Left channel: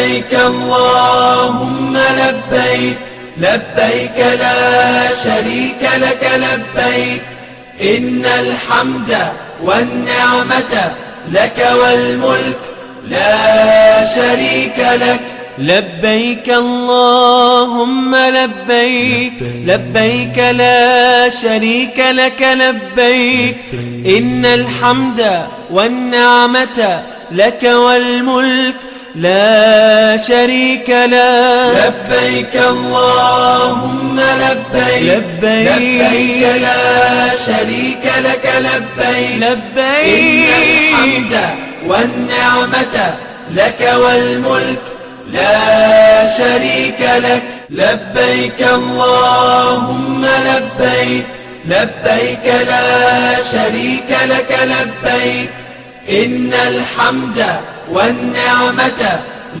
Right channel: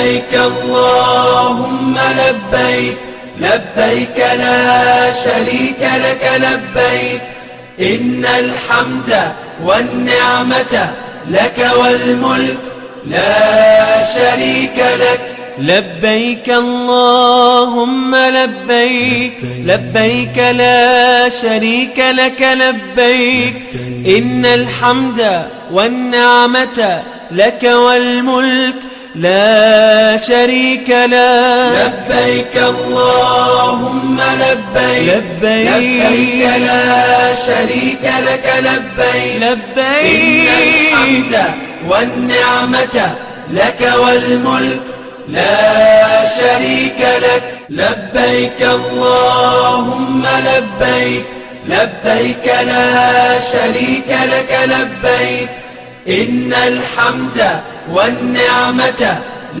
لبيك اللهم لبيك لبيك لا شريك لك لبيك إن الحمد والنعمة لك والملك لا شريك لك. لبيك اللهم لبيك لبيك لا شريك لك لبيك إن الحمد والنعمة لك والملك لا شريك لك. لبيك اللهم لبيك لبيك لا شريك لك لبيك لبيك إن الحمد والنعمة لك والملك لا شريك لك. لبيك اللهم لبيك لبيك لا شريك لك لبيك إن الحمد والنعمة